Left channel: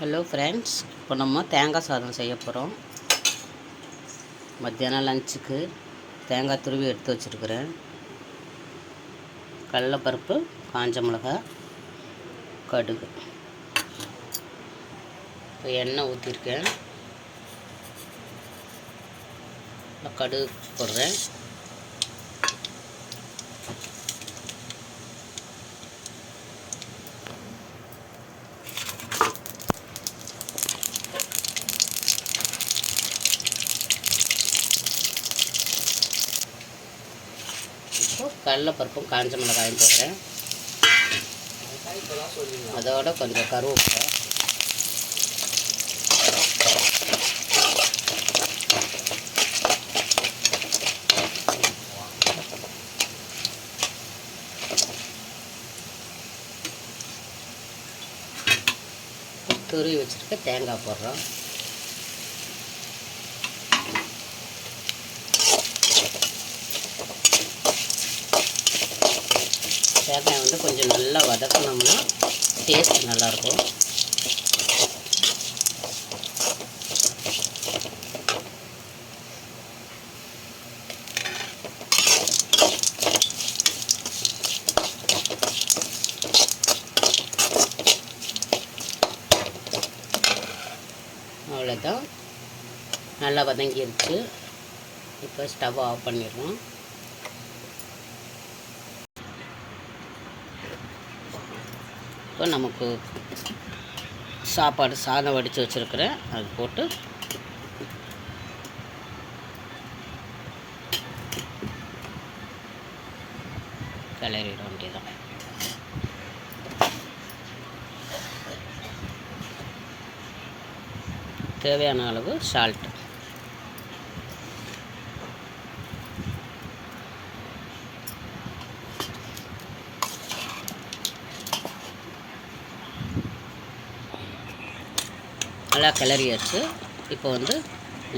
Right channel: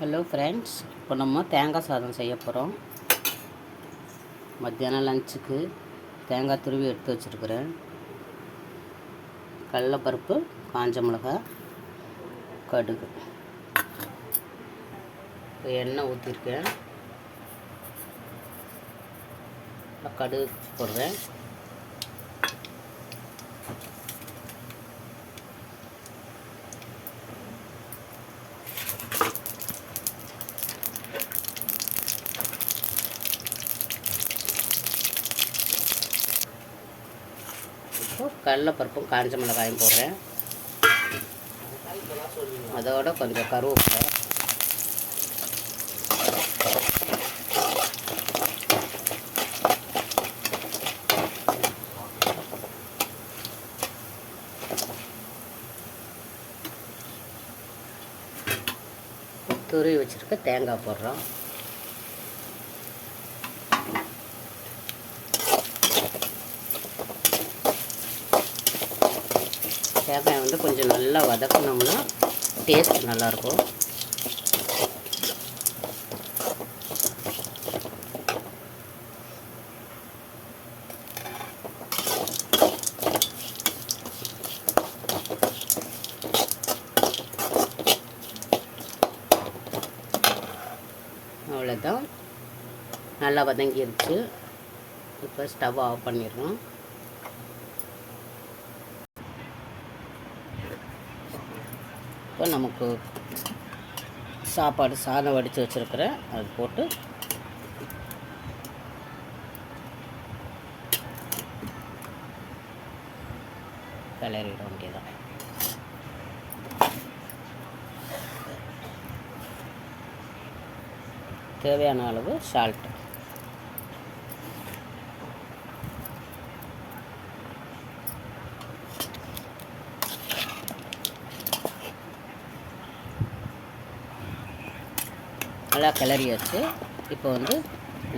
Hello friends இப்போ நம்ம தேங்காய் சாதம் செய்ய போகிறோம் மத்தியானம் லஞ்சுக்கு தேங்காய் துருவி எடுத்து வச்சுருக்குறேன். கடலப்பருப்பு காஞ்ச மிளகா கடுகு. இப்போ எண்ணெய் ஊற்றிருக்கேன் கடுகு போடுறேன். இப்போ கடலைப்பருப்பும் காஞ்ச மிளகாயும் போடுறேன். அதோட கொஞ்சம் கருவேப்பிலை. துருவி வச்சுருக்க தேங்காய் போடுறோம். தேங்காய் வந்து கொஞ்சம் நல்லா வதக்கினோம்னா டேஸ்ட் நல்லாயிருக்கும். அவ்வளோதான் நல்லா வதங்கிருச்சு. இப்போ ஸ்டவ் ஆஃப் பண்ணிடுறோம். இப்போ நமக்கு சாப்பாடு சாதம் வடித்து வச்சுருக்கிறேன். அது போட்டு கிளறிட வேண்டியதான் தேவையான அளவு சால்ட் நல்லா கிளறியாச்சு. இப்போ வந்து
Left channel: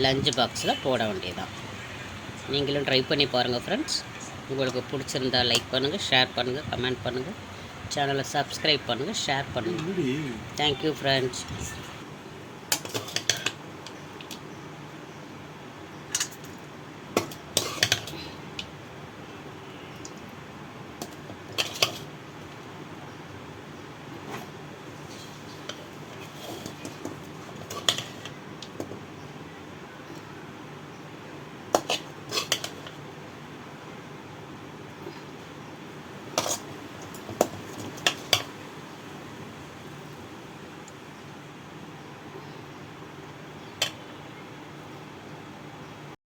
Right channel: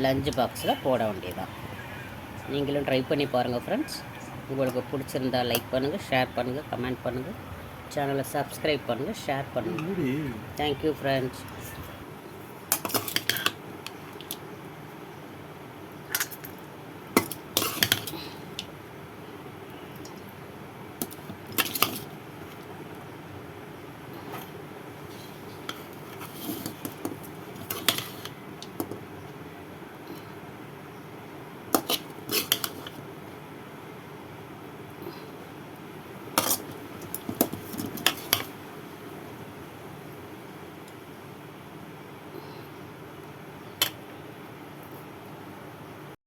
லஞ்ச் பாக்ஸில் போட வேண்டியதான் நீங்களும் ட்ரை பண்ணி பாருங்கள் ஃப்ரெண்ட்ஸ் உங்களுக்கு பிடிச்சிருந்தா லைக் பண்ணுங்கள் ஷேர் பண்ணுங்கள் கமெண்ட் பண்ணுங்கள் சேனலை சப்ஸ்கிரைப் பண்ணுங்கள் ஷேர் பண்ணுங்கள் தேங்க்யூ ஃப்ரெண்ட்ஸ்